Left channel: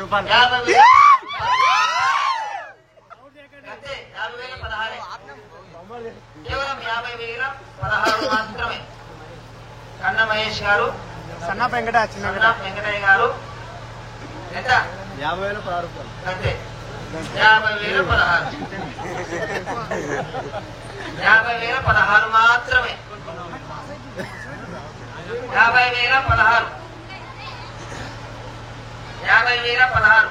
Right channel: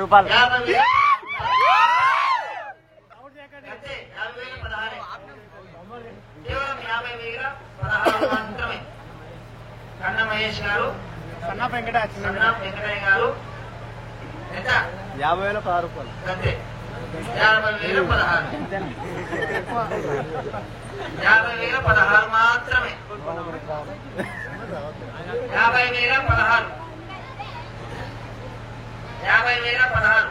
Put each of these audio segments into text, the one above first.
రూపాయలు కేవలం 50,000 16 మాత్రమే. కన్న మహేష్ గారు, సన్నా వెంకటయ్య గారు ఎంత? 50,000 16 రూపాయలు అంతే. 50,000 16 50,000 16 మాత్రమే. 50,000 16 50,000 16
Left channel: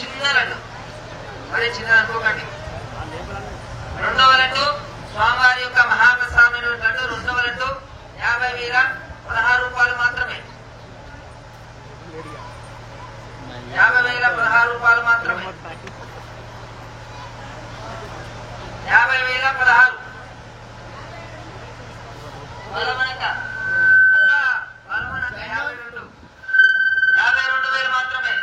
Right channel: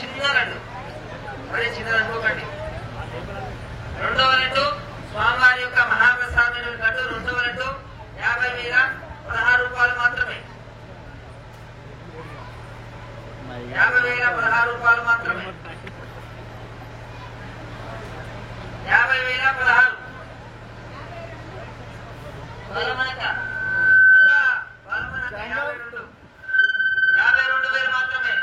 చిన్న లడ్డు. మరి చిన్న లడ్డు ఒకటి. రెండవ లడ్డు స్వామివారి యొక్క మహాప్రసాదమైన లడ్డు. రెండవ లడ్డు 50,000 16 రూపాయలు మాత్రమే. 50,000 16 రూపాయలు మాత్రమే. 50,000 16 బలమనక 52,000 మాత్రమే.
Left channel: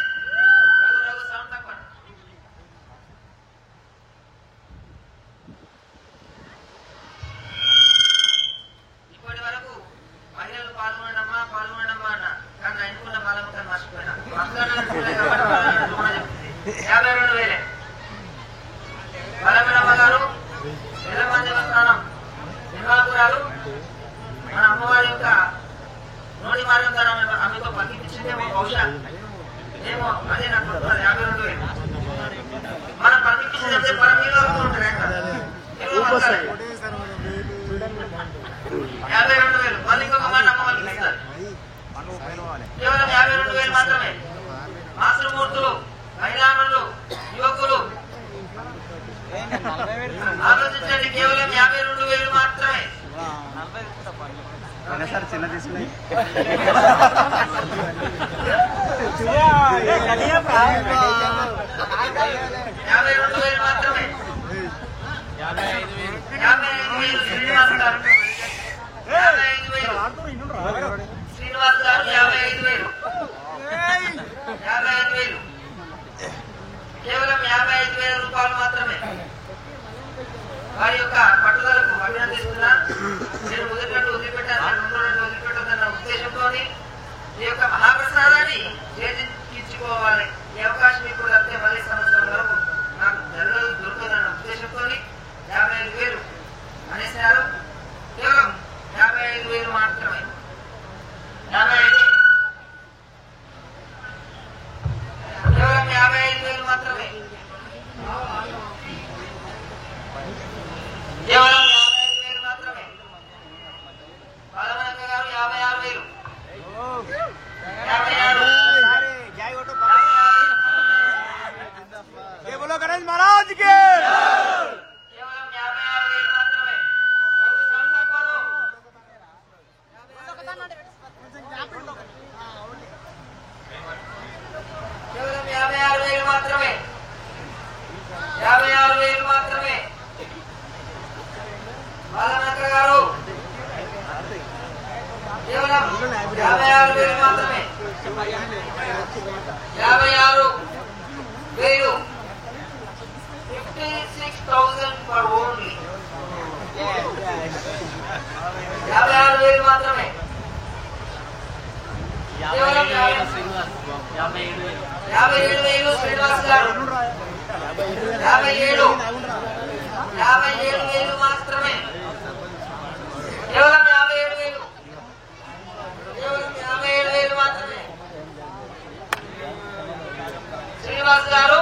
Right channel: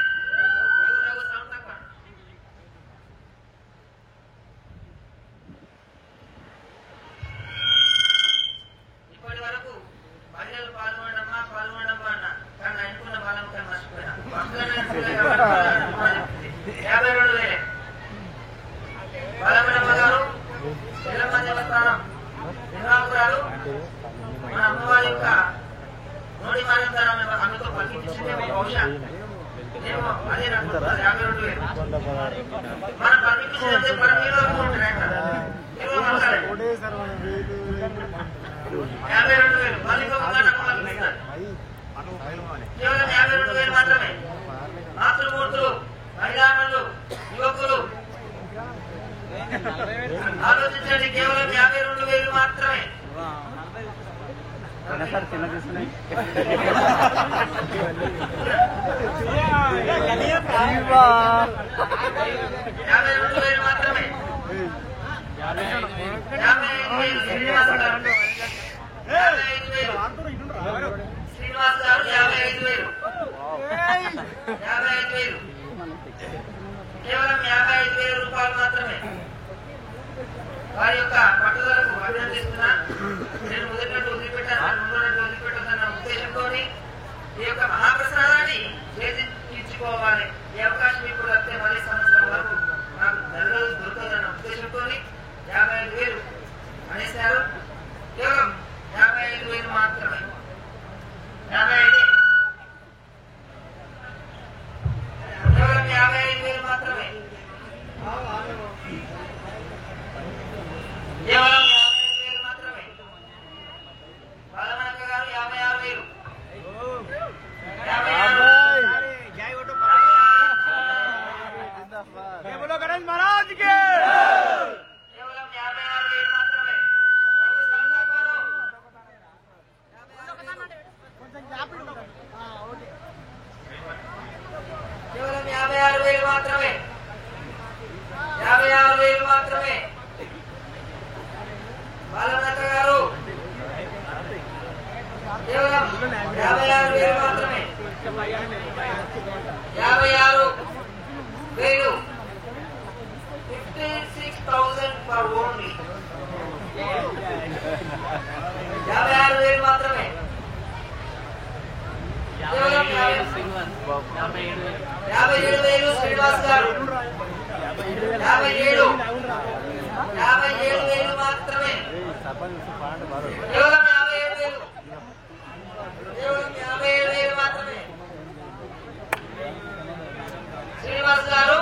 ఇప్పటి వరకు మహిళలు పాల్గొనడమా అన్న కానీ అనుకున్న బాలముఖాన్ని మర్చిపోయినా 52,000. బాలమణమ్మ గారు ఎల్లమ్మ దేవస్థానం నిర్వాహకురాలు. మన అమ్మవారి యొక్క నోటి మారం ద్వారా ఆమెతో పక్కించిందేమో బహుశా ఏమో అదే నాకు 52,000. మనం పక్కించినట్టే మన మీద ఉంటుంది. 52,000 మందికి ఒక మాట అమ్మవారికి ఇస్తారు. కేవలం 52,000 మాత్రమే. మాతృమూర్తులు, మహిళామణులు, యువకులు ఆలోచించండి. కేవలం 52,000 మాత్రమే. సార్ చిన్న తీసుకునే 52,000 మాత్రమే. 55,000 శ్రీనివాస్ గారు 55,000. కేవలం 55,000 రూపాయలు మాత్రమే. వారి యొక్క పట్టుదలకు అభినందిస్తున్నా. నేను మొదటినట్టు వదిలిపెట్టాను, రెండోనట్టు వదిలిపెట్టదన్న ఉద్దేశంతో ఈ యొక్క మహాప్రసాదాన్ని చేయించుకోవాలి. ఈ అవకాశం ఇప్పుడు వస్తే మళ్ళీ సంవత్సరం వరకు నాకు దొరకదన్న ఉద్దేశంతో 55,000 అనేసారు. కేవలం 55,000 మాత్రమే. 55 కేవలం 55,000 మాత్రమే. కేవలం 55,000 మాత్రమే. బాలనాథ గారు 56,000. 56 గణేష్ మహారాజ్ కి కేవలం 56,000 మాత్రమే. కేవలం 56,000 మాత్రమే. 56,000 మాత్రమే. బాలనాథ గారు కేవలం 56,000 మాత్రమే. 56,000 56,000 for only. 56,000 మాత్రమే. కేవలం 57,000 శ్రీనివాస్ గారు 57,000 మాత్రమే. కేవలం 57,000. కేవలం 57,000 మాత్రమే. శ్రీనివాస్ గారు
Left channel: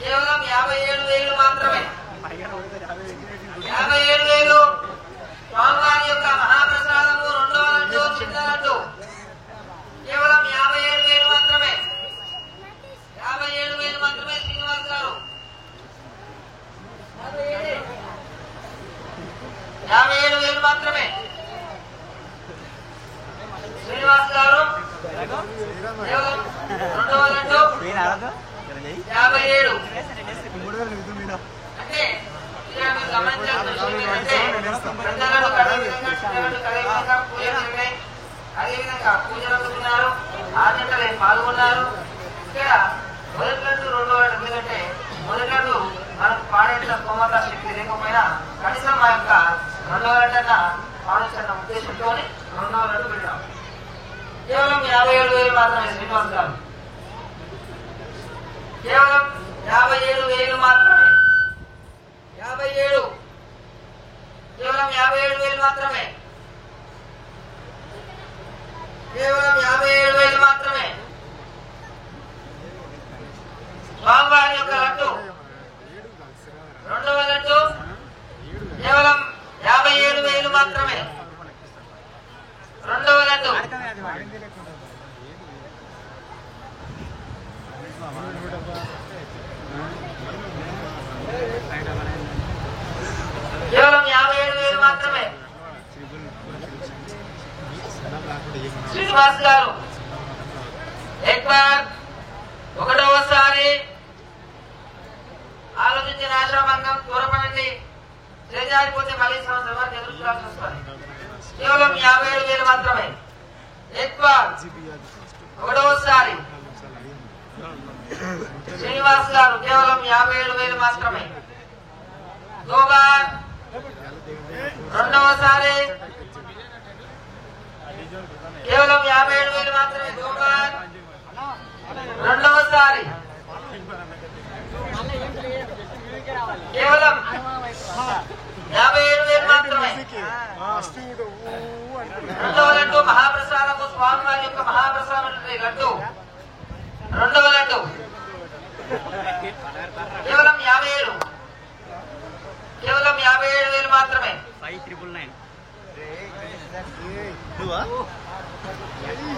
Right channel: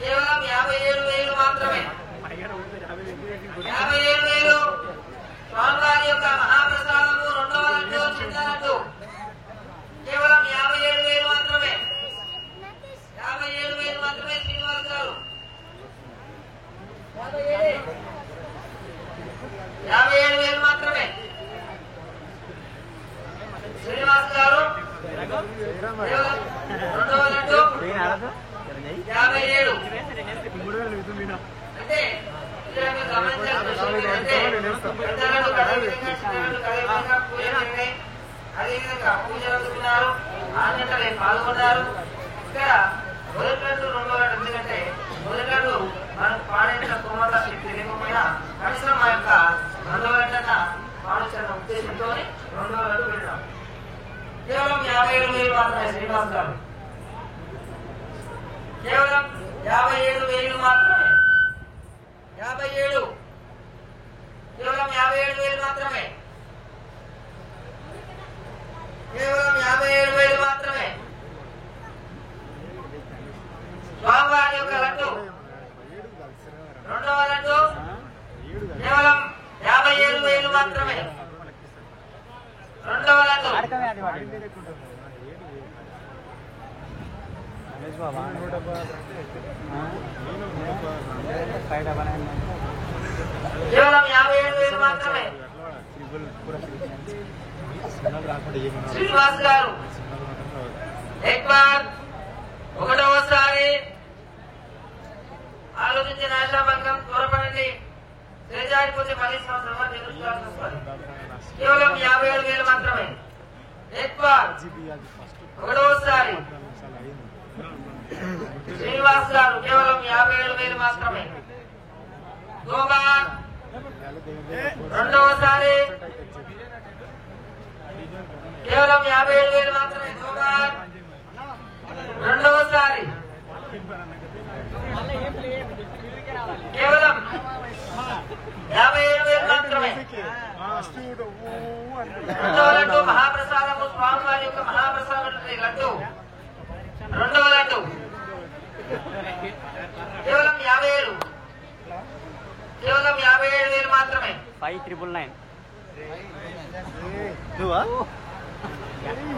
కేవలం 57,000 మాత్రమే. 57,000 స్వామివారి యొక్క మహాప్రసాదము. రెండవ లడ్డు చిన్న లడ్డు. కేవలం 57,000 మాత్రమే. 57,000 మాత్రమే. శ్రీనివాస్ గారు 57,000 మాత్రమే. శ్రీనివాస్ గారు కేవలం రెండవ లడ్డు 57. అంటే అదేవిధంగా పూజలు జరుగుతున్నారు. 6 గంటలు పాల్గొన్నారు. ఇక్కడ మొదటి రెండో ఎందుకంటే మొదటి మనకు పాడేసిన కోమల శక్తి లేకపోయినా కనీసం మా యొక్క రెండవ గంటన పాల్గొన్న ఉద్దేశంతో రెండవ గంట విడతాం. కేవలం 57,000 మాత్రమే. శ్రీనివాస్ గారు కేవలం 57,000 మాత్రమే. 57 కేవలం 57,000 మాత్రమే. కేవలం 57,000 మాత్రమే. స్వామివారి యొక్క లడ్డు రెండవ లడ్డు కేవలం 57,000 మాత్రమే. రెండవ లడ్డు కేవలం 57,000 మాత్రమే. శ్రీనివాస్ గారు ఒకటవసారి ఆలోచించిన ఆశాభంగం త్వరపడి చేజారిపోతే మళ్ళీ సంవత్సరం ఎదుర్కోవాల్సి వస్తుంది. కేవలం 57,000 మాత్రమే. ఒకటవసారి శ్రీనివాస్ గారు కేవలం 57,000 మాత్రమే. గోబార్ రెండవసారి కేవలం 57,000 మాత్రమే. గోబార్ రెండవసారి కేవలం 57,000 మాత్రమే. రెండవ లడ్డు మహాప్రసాదము స్వామివారి యొక్క మహాప్రసాదం లడ్డు రెండవ లడ్డు కేవలం 57,000. కేవలం 57,000 మాత్రమే. 5,999.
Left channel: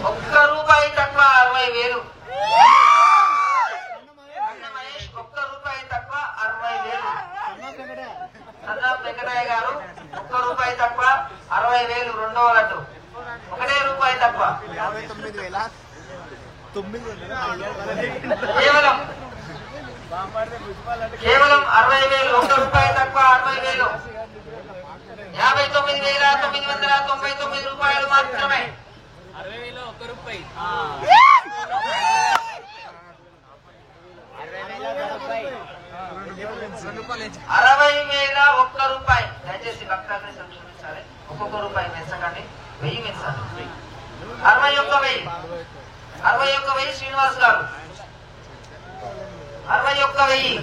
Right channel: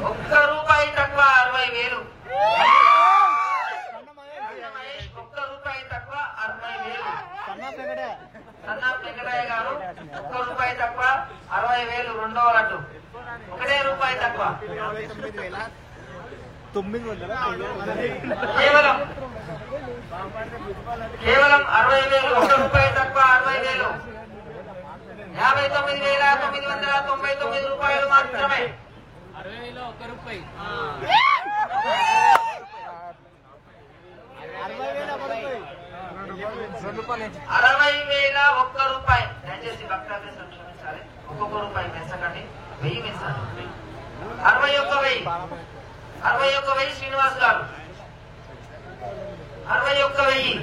₹1 తక్కువ 60,000. ₹1 తక్కువ 60,000. అన్నా వెంకటయ్య గారు ₹1 తక్కువ 60,000 రెండవ లడ్డు. ₹1 తక్కువ కేవలం 60,000. ₹1 తక్కువ 60,000. ₹59,999 మాత్రమే. 60,000 దయచేసి భక్తులు సంక్షించాలి. ₹1 పెంచకండి. 1000 పెంచాలి. 61,000 శ్రీనివాస్ గారు 61,000.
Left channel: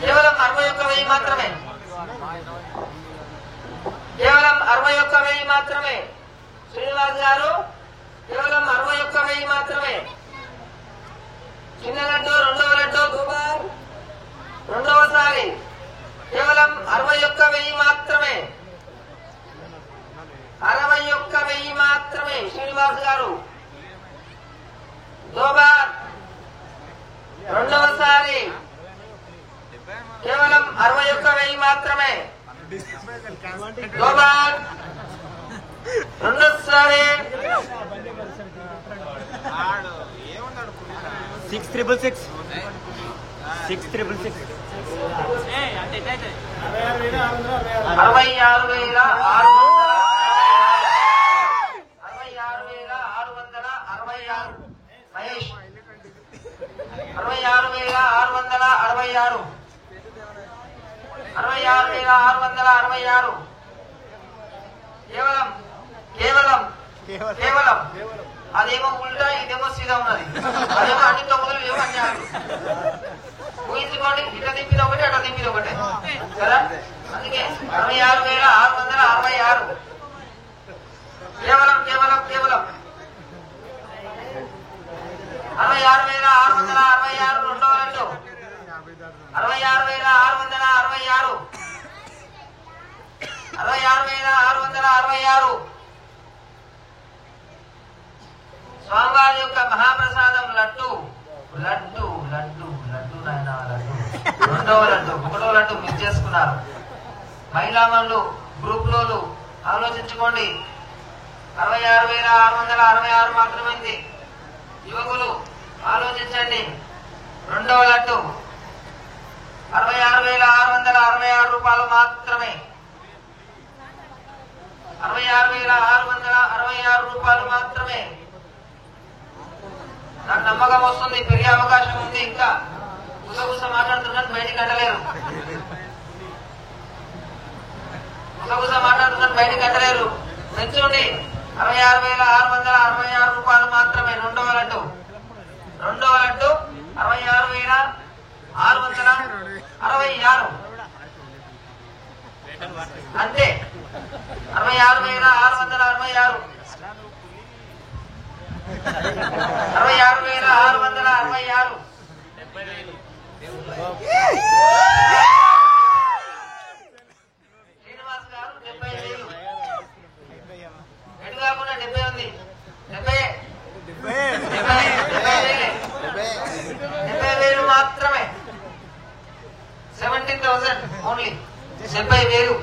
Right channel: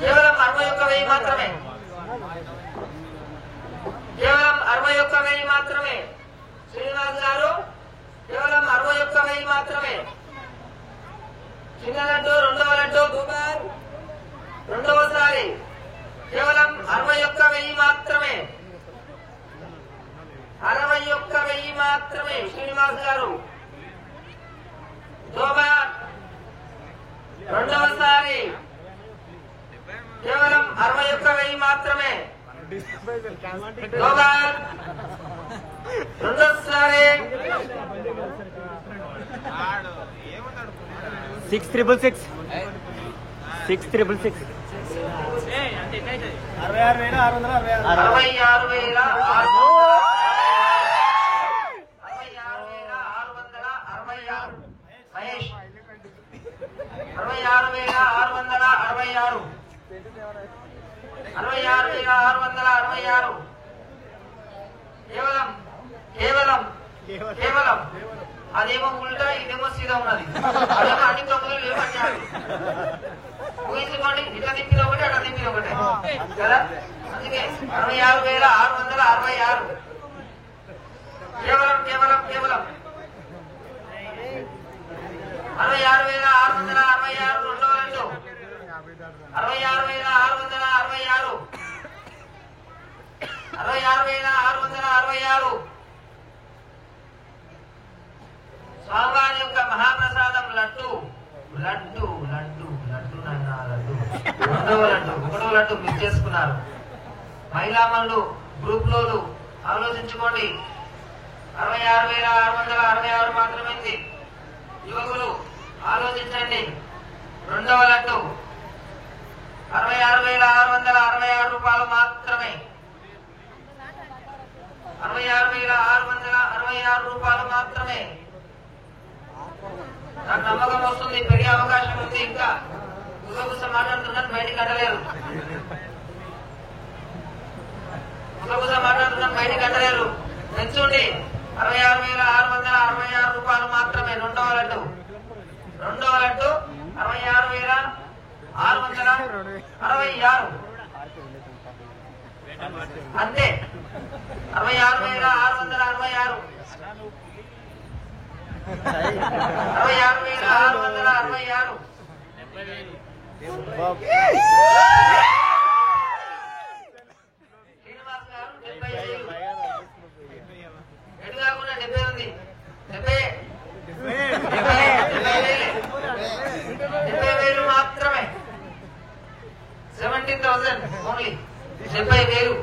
కేవలం 61,000 మాత్రమే. కేవలం 61,000 మాత్రమే. శ్రీనివాస్ గారు కేవలం 61,000 మాత్రమే. చిన్న లడ్డు రెండవ లడ్డు గోబార్ రెండవసారి కేవలం 61,000 మాత్రమే. 61,000 మాత్రమే. శ్రీనివాస్ గారు గోబార్ రెండవసారి కేవలం 61,000 మాత్రమే. గోబార్ రెండోసారి 6,666. 6,666. 66,666 మహేష్ 66,666 66,666 కేవలం కేవలం కేవలం అదేమో ఉల్టా ఇదేమో సీదా ఉన్నది. అదేమో అన్ని 9 ఏమో అన్నారు. ఊహించుకోండి. ఇట్లా దింపిది ఒకటి అట్లా దింపిది ఒకటే కదా. అందుకే 66,666 కేవలం కేవలం కేవలం 66,666 రెండవ లడ్డు 66,666 66,666 స్వామివారి యొక్క మహాప్రసాదం లడ్డు లడ్డు లడ్డు లడ్డు నాయన లడ్డు రెండవ లడ్డు ఒకటో లడ్డు మిస్ చేసుకున్నారు. మహిళామణులు గ్రూప్ లోలు ఆలోచించుకోండి. 66,666 మాత్రమైంది. యువకులు ఆలోచించండి. రెండవ లడ్డు 66,666 మాత్రమే. 66,666 మాత్రమే. నాకు నమ్మకం వస్తుంది. పెరిగే అవకాశం ఉంది. ఇంకా గుసగుస మాట్లాడుతున్నట్టు బయటికి కట్టలేరు. గుసగుస మాట్లాడుతున్నట్టు బయటికి కట్టలేరు. పెంచుండి. 66,666 మాత్రమే. రెండవ లడ్డు 66,666 అంతే 66,666 66,666 శ్రీనివాస్ గారు 70,000 ఎటు కాకుండా 70 ఉంది 70,000 మాత్రమే 17,000 ఓన్లీ 70,000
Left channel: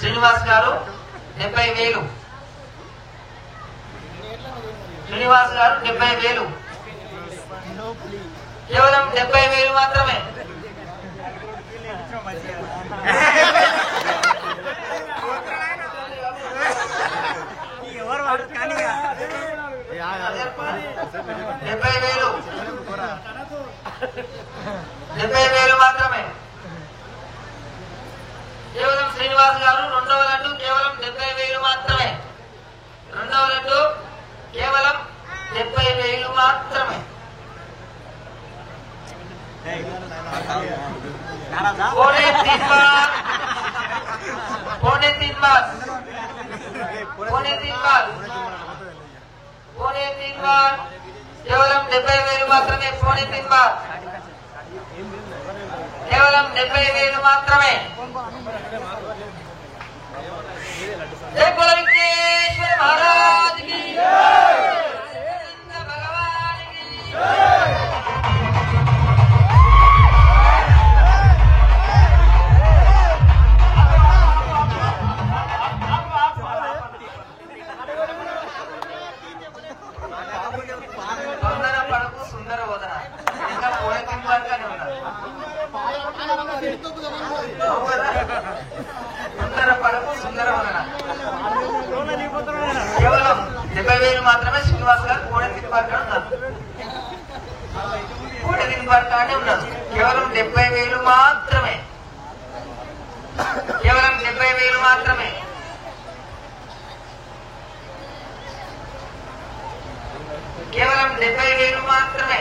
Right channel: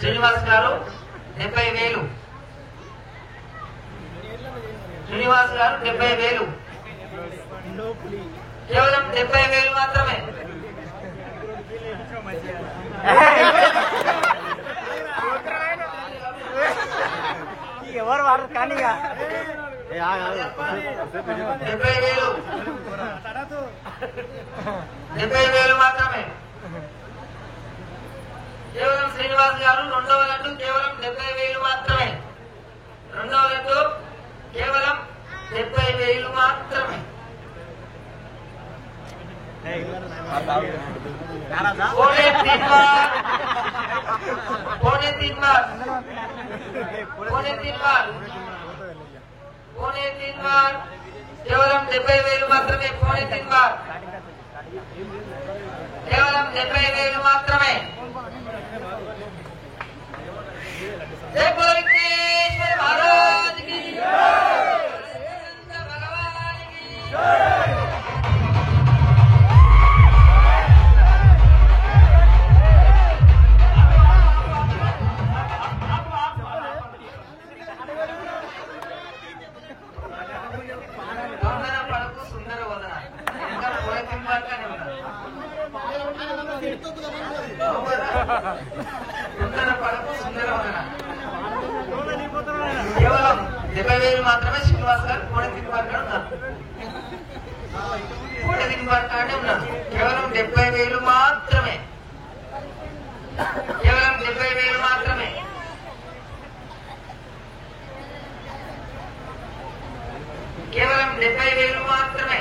శ్రీనివాస్ గారు 70,000 శ్రీనివాస్ గారు 70,000 కేవలం 70,000 మాత్రమే ఎవరు వాడు ఖాళీగా 70,000 మాత్రమే కేవలం శ్రీనివాస్ గారు రెండవ లడ్డు కేవలం 70,000 మాత్రమే రెండవ లడ్డు కేవలం 70,000 మాత్రమే పోనే తీన్ బార్ కేవలం 70,000 మాత్రమే పోనే తీన్ బార్ కేవలం 70,000 మాత్రమే మహారాజ్ కి కేవలం 70,000 మాత్రమే శ్రీనివాస్ గారు కోడె ఉన్నారు కేవలం 70,000 మాత్రమే కేవలం 70,000 మాత్రమే కేవలం 70,000 మాత్రమే